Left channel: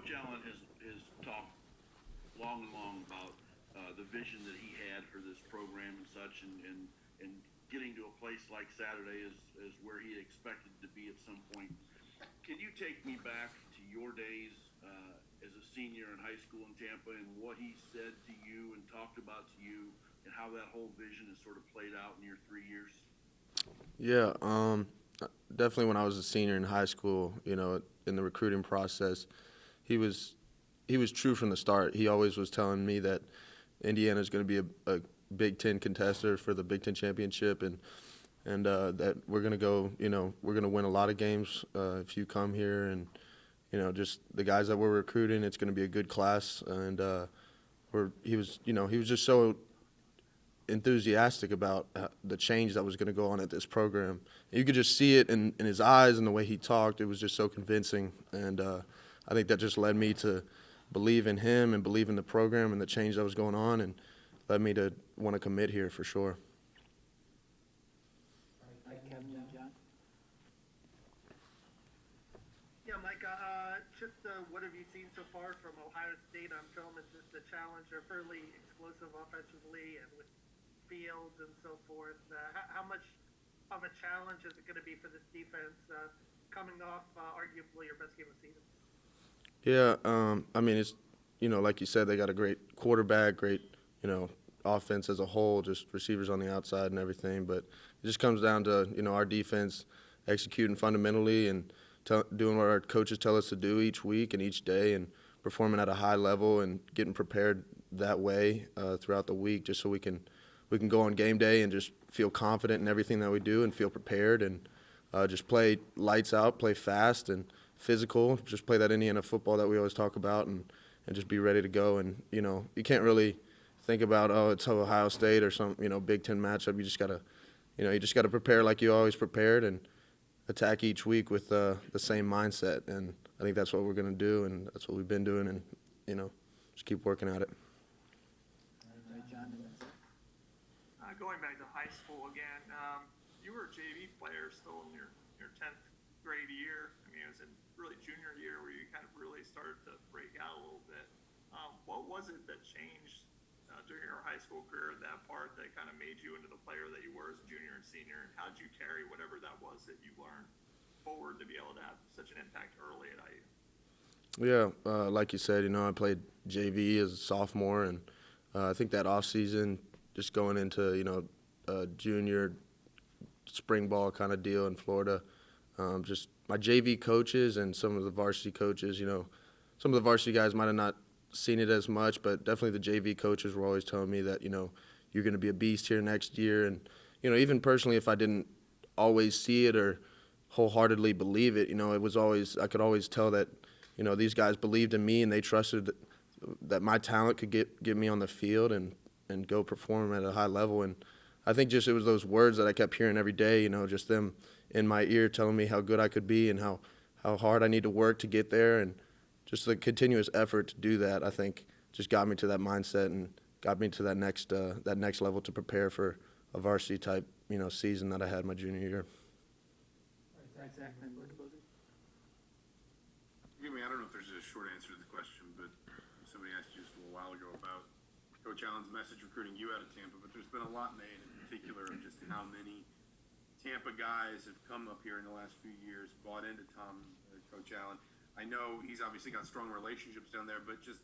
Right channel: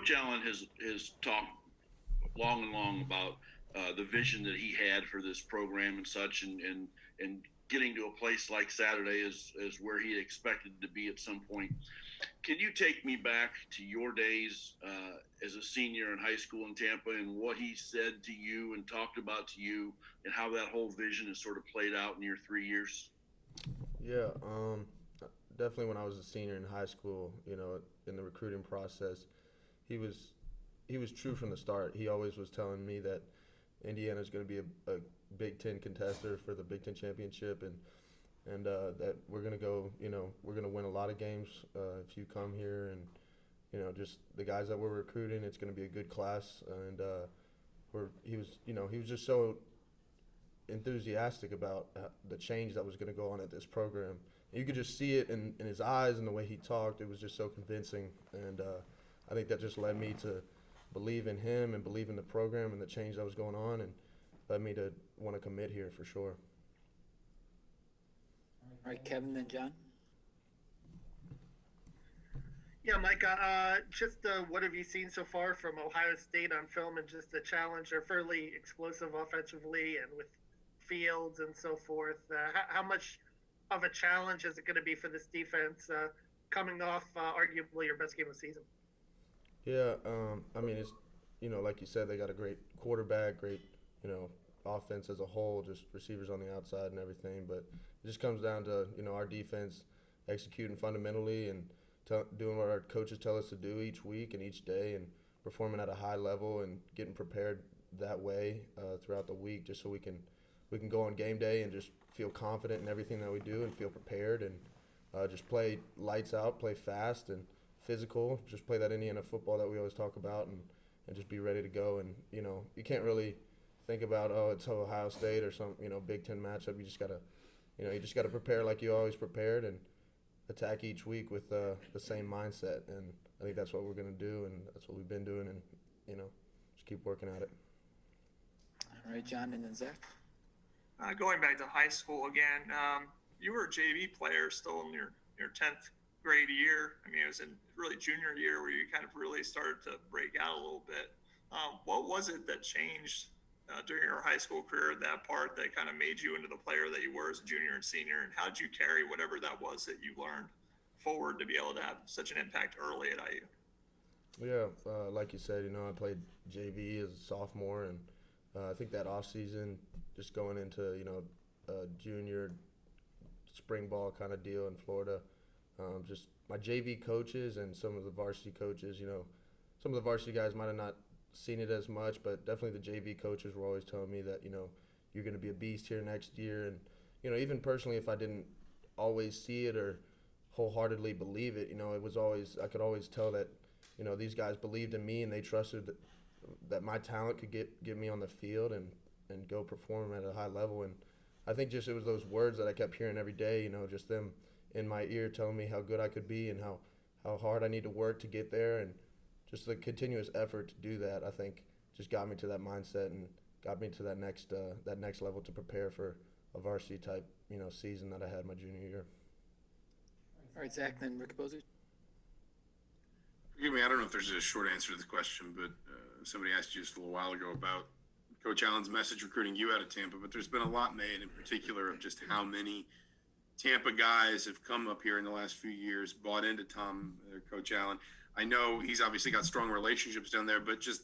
Coach Allen has talked long and long about the vision that he had for this program and such, and getting to a place like Saturday is where he expected to be at some point. Can you take me back to your days as a senior in high school in Tampa and what he said to you and talked about to you, and how that whole vision has sort of played out in your 3 years? Yeah, definitely when I was a senior in high school, in the recruiting process, he was he was true from the start. He always was telling me that Indiana is going to be a Big Ten contender for the Big Ten championship, and that we're going to go, we're going to win a lot of games if you come here, and just the guys that we're recruiting, it's going to be a good class, and he was just so enthusiastic about the change that was going to go on at this program. You could just see it in his eyes and the way he talked. It was just so convincing, and I think that just led me to believe in him and believe in the program and the change that was going on, and led me to want to commit here for sure. All right, Kevin, then John. Yeah, Micah, what have you seen so far from Ohio State on film, and just the challenge? They're fairly explosive offensively and with Fields and so forth. How much of a challenge is it going to be for this defense coming off arguably your best game of the season? Yeah, I mean, it's, like you said, they got a great quarterback, great, offense as a whole, just receivers on the outside and everything. But it just comes down to, our defense executing fundamentally and doing what our coaches tell us to do each week and each day, and performing at a high level and getting prepared that way throughout the week, just so we can go on game day and just feel confident in everything that we do and feel prepared, and just play lights out, play fast and physical, just play that Indiana football that we always talk about, and just be ready to go. And, you can't really think about, it's Ohio State or some, Big Ten matchup. You just gotta prepare like you always prepared, and attack each week with the same mindset. And I think that's what we're going to do, and that's what we've been doing, and, just keep working at it. All right, John, and then Zach. Going back to high school again, you were a JV player still in your 10th grade year. I mean, it was in really junior year where you kind of really started to break out a little bit. What was it that changed during your high school career, that part that kind of made you into the player that you were as a junior and senior, and how did you carry whatever that was that you learned forward to be able to have such an impact early at IU? Yeah, like you said, I played JV as a sophomore, and I think that off season, just going into junior spring ball kind of deal in Florida, just my JV coaches and some of the varsity coaches, some of the varsity guys might have not seen it as much, but definitely the JV coaches were always telling me that you're going to be a beast here next year. And even personally, if I didn't always see it or wholeheartedly believe it, it was always, I could always tell that these guys believed in me, and they trusted that my talent could get me on the field and go perform at a high level. And I think just it was those words that I kept hearing every day, just them in my ear telling me how good I could be and how hard I need to work to get there. And just the continuous effort to do that, I think, just got me to that mindset and got me to that next level to prepare for a varsity type season that I had my junior year. All right, Zach, then Rick Bozic. Forgive me, I don't know if there's a short answer to the question, but somebody asked you just a little while ago about Coach Allen's message recruiting you out of Tampa, but there's been a lot made in particular of just how many Tampa guys have come up here in the last few years, bought into Coach Allen. I know he's obviously got strong relationships down there, but just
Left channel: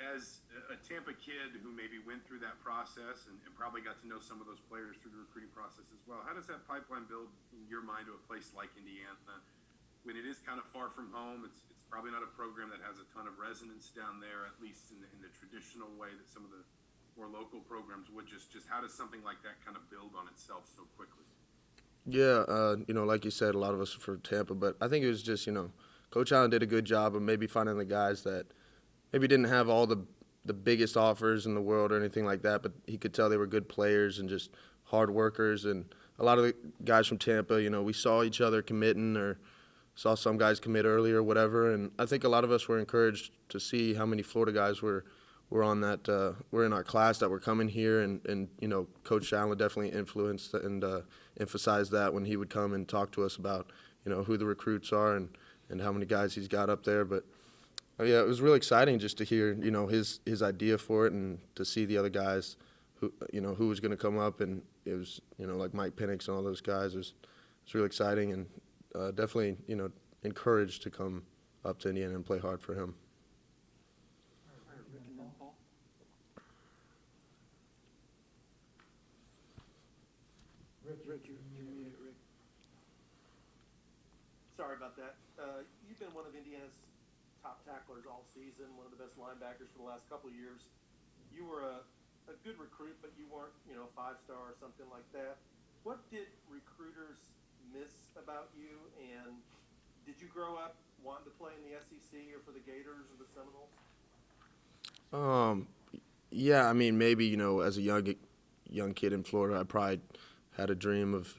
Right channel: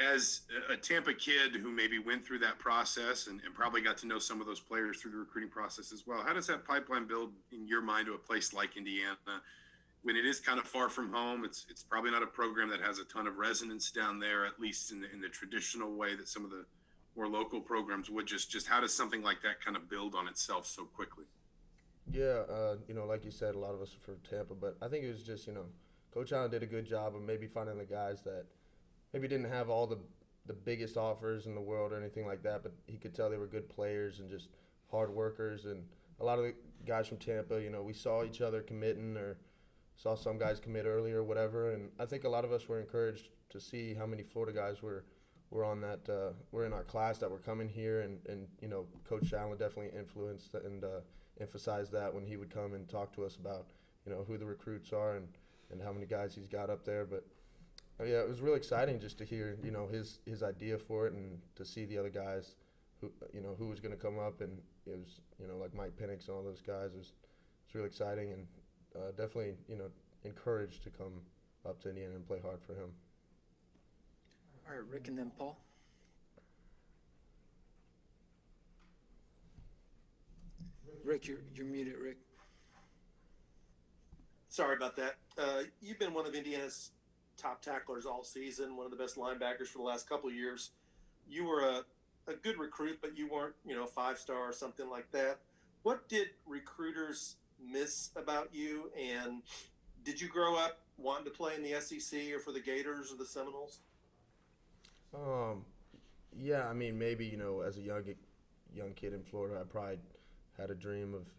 as a Tampa kid who maybe went through that process and probably got to know some of those players through the recruiting process as well, how does that pipeline build in your mind to a place like Indiana when it is kind of far from home? It's probably not a program that has a ton of resonance down there, at least in the traditional way that some of the more local programs would. Just how does something like that kind of build on itself so quickly? Yeah, like you said, a lot of us are from Tampa, but I think it was just, Coach Allen did a good job of maybe finding the guys that maybe didn't have all the biggest offers in the world or anything like that, but he could tell they were good players and just hard workers. And a lot of the guys from Tampa, we saw each other committing or saw some guys commit early or whatever. And I think a lot of us were encouraged to see how many Florida guys were on that, were in our class that were coming here. And Coach Allen definitely influenced and emphasized that when he would come and talk to us about, who the recruits are and how many guys he's got up there. But Yeah, it was really exciting just to hear, his idea for it and to see the other guys who was going to come up. And it was, like Mike Penix and all those guys. It's really exciting and definitely, encouraged to come up to Indiana and play hard for him. All right, Rick and then Paul. Rick, you're muted, Rick. Sorry about that. You've been one of Indiana's top tacklers all season, one of the best linebackers for the last couple of years. You were a good recruit, but you weren't, 5-star or something like that. What did recruiters miss about you? And did you grow up wanting to play in the SEC or for the Gators or the Seminoles? Yeah, I mean, maybe, as a young kid in Florida, I probably had a dream of,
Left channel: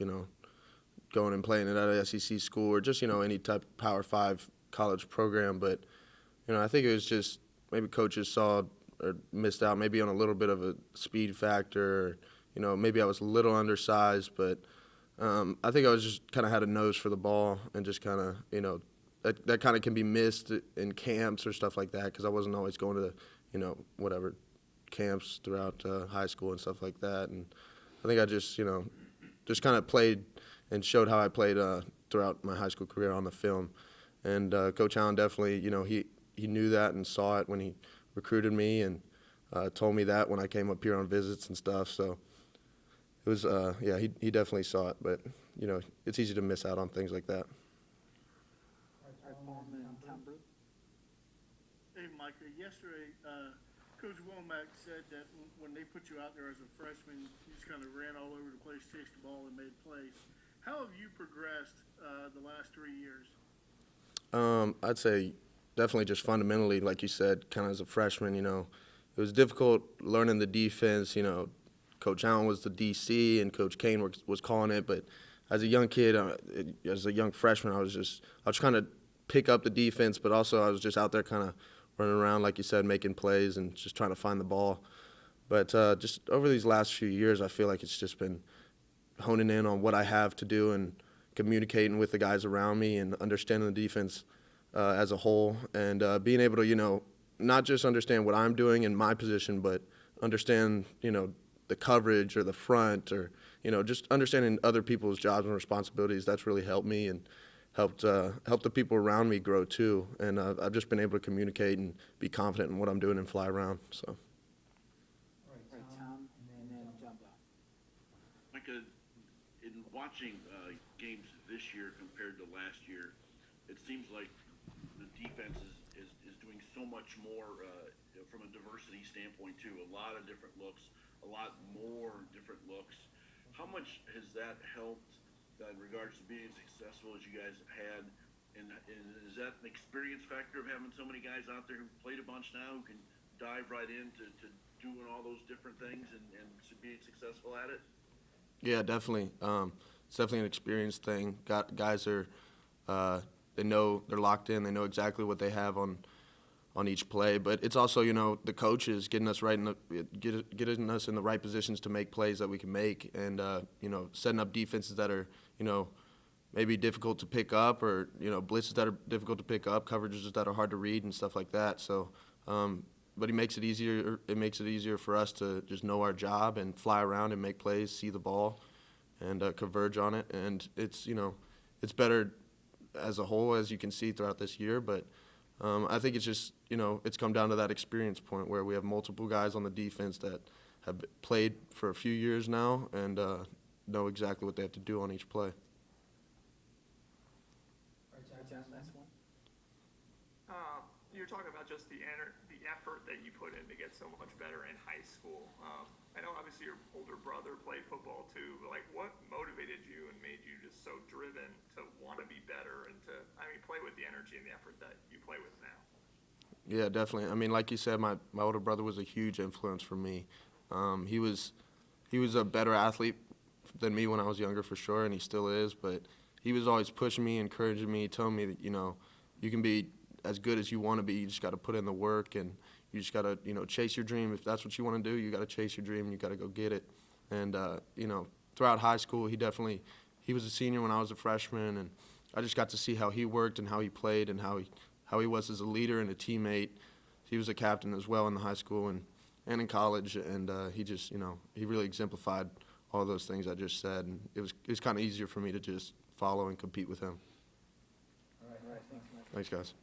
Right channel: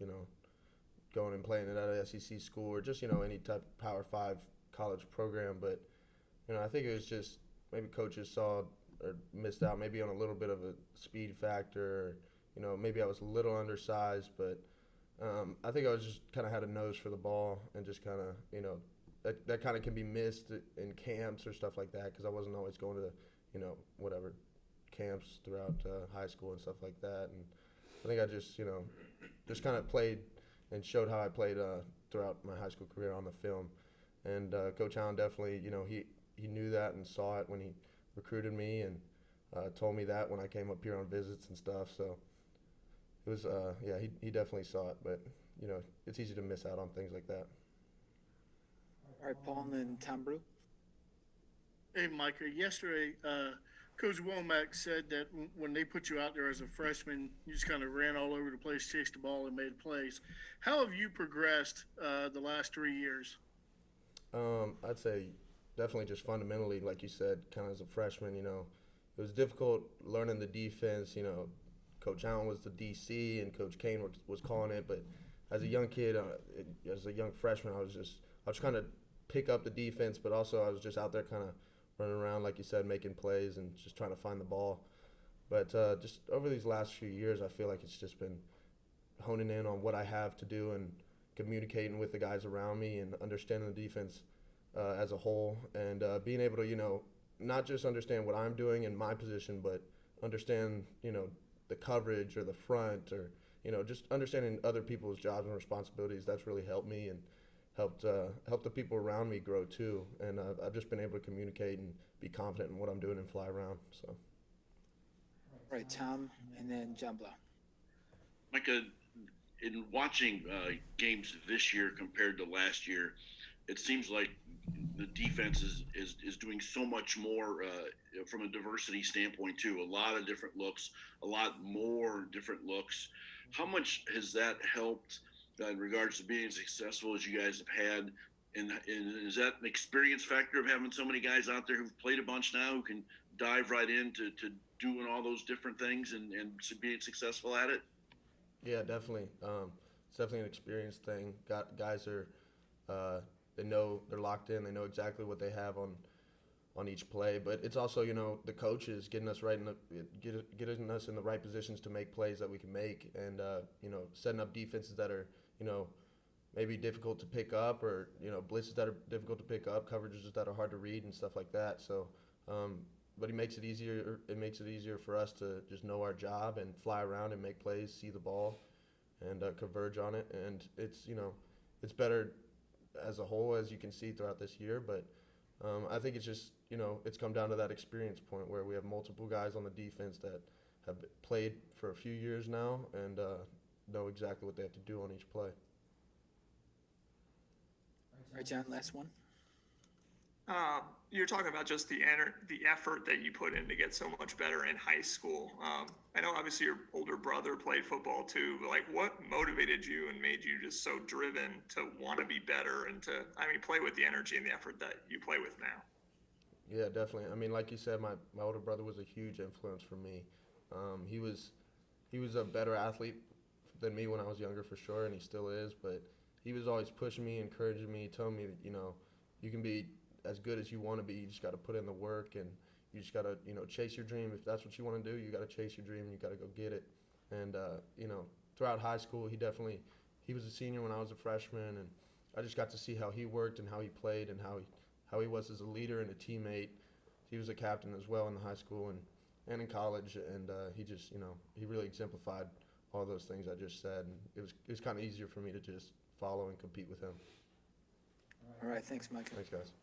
going and playing at an SEC school or just, any type of Power 5 college program. But, I think it was just maybe coaches saw or missed out maybe on a little bit of a speed factor. Or, maybe I was a little undersized, but I think I was just kind of had a nose for the ball and just kind of, that kind of can be missed in camps or stuff like that because I wasn't always going to, whatever camps throughout high school and stuff like that. And I think I just, just kind of played and showed how I played throughout my high school career on the film. And Coach Allen definitely, he knew that and saw it when he recruited me and told me that when I came up here on visits and stuff. So it was, yeah, he definitely saw it. But, it's easy to miss out on things like that. All right, Paul and then Tom Brew. Hey, Micah, yesterday, Coach Womack said that when they put you out there as a freshman, you just kind of ran all over the place, chased the ball, and made plays. How have you progressed the last 3 years? I'd say definitely just fundamentally, like you said, kind of as a freshman, it was difficult learning the defense. Coach Allen was the DC and Coach Kane was calling it, but as a young kid, as a young freshman, I was trying to pick up the defense, but also I was just out there kind of running around, like you said, making plays and just trying to find the ball. But just over these last few years, I feel like it's just been honing in on what I have to do and communicating with the guys around me and understanding the defense as a whole and being able to, not just understand what I'm doing in my position, but understand, the coverage or the front or, just understanding other people's jobs and responsibilities. That's really helped me and helped the people around me grow too. And I've just been able to communicate and be confident in what I'm doing and fly around. So. All right, Tom and then John Blau. Micah, in watching games this year compared to last year, it seems like the defense is doing so much more from a diversity standpoint too. A lot of different looks, a lot more different looks. How much has that helped in regards to being as successful as you guys have had? And is that an experience factor of having so many guys out there who've played a bunch now who can dive right into doing all those different things and being successful at it? Yeah, definitely. It's definitely an experience thing. Guys are, they know they're locked in. They know exactly what they have on each play. But it's also, the coaches getting us getting us in the right positions to make plays that we can make, and setting up defenses that are, maybe difficult to pick up, or blitzes that are difficult to pick up, coverages that are hard to read, and stuff like that. So. But it makes it easier. It makes it easier for us to just know our job and fly around and make plays, see the ball, and converge on it. And it's it's better as a whole, as you can see throughout this year. But I think it's just it's come down to that experience point where we have multiple guys on the defense that have played for a few years now and know exactly what they have to do on each play. All right, John, last one. You're talking about just the effort that you put in to get so much better in high school. I know obviously your older brother played football too, but what motivated you and made you just so driven to want to be better and to, play with the energy and the effort that you play with now? Yeah, definitely. Like you said, my older brother was a huge influence for me. He was a better athlete than me when I was younger for sure, and he still is, but he was always pushing me, encouraging me, telling me that, you can be as good as you want to be. You just got to put in the work, and you just got to, chase your dream. If that's what you want to do, you got to chase your dream, and you got to go get it. And, throughout high school, he was a senior when I was a freshman, and I just got to see how he worked and how he played and how he how he was as a leader and a teammate. He was a captain as well in the high school and in college, and he just, he really exemplified all those things I just said, and it was kind of easier for me to just follow and compete with him. All right, thanks, Mike. Thanks, guys.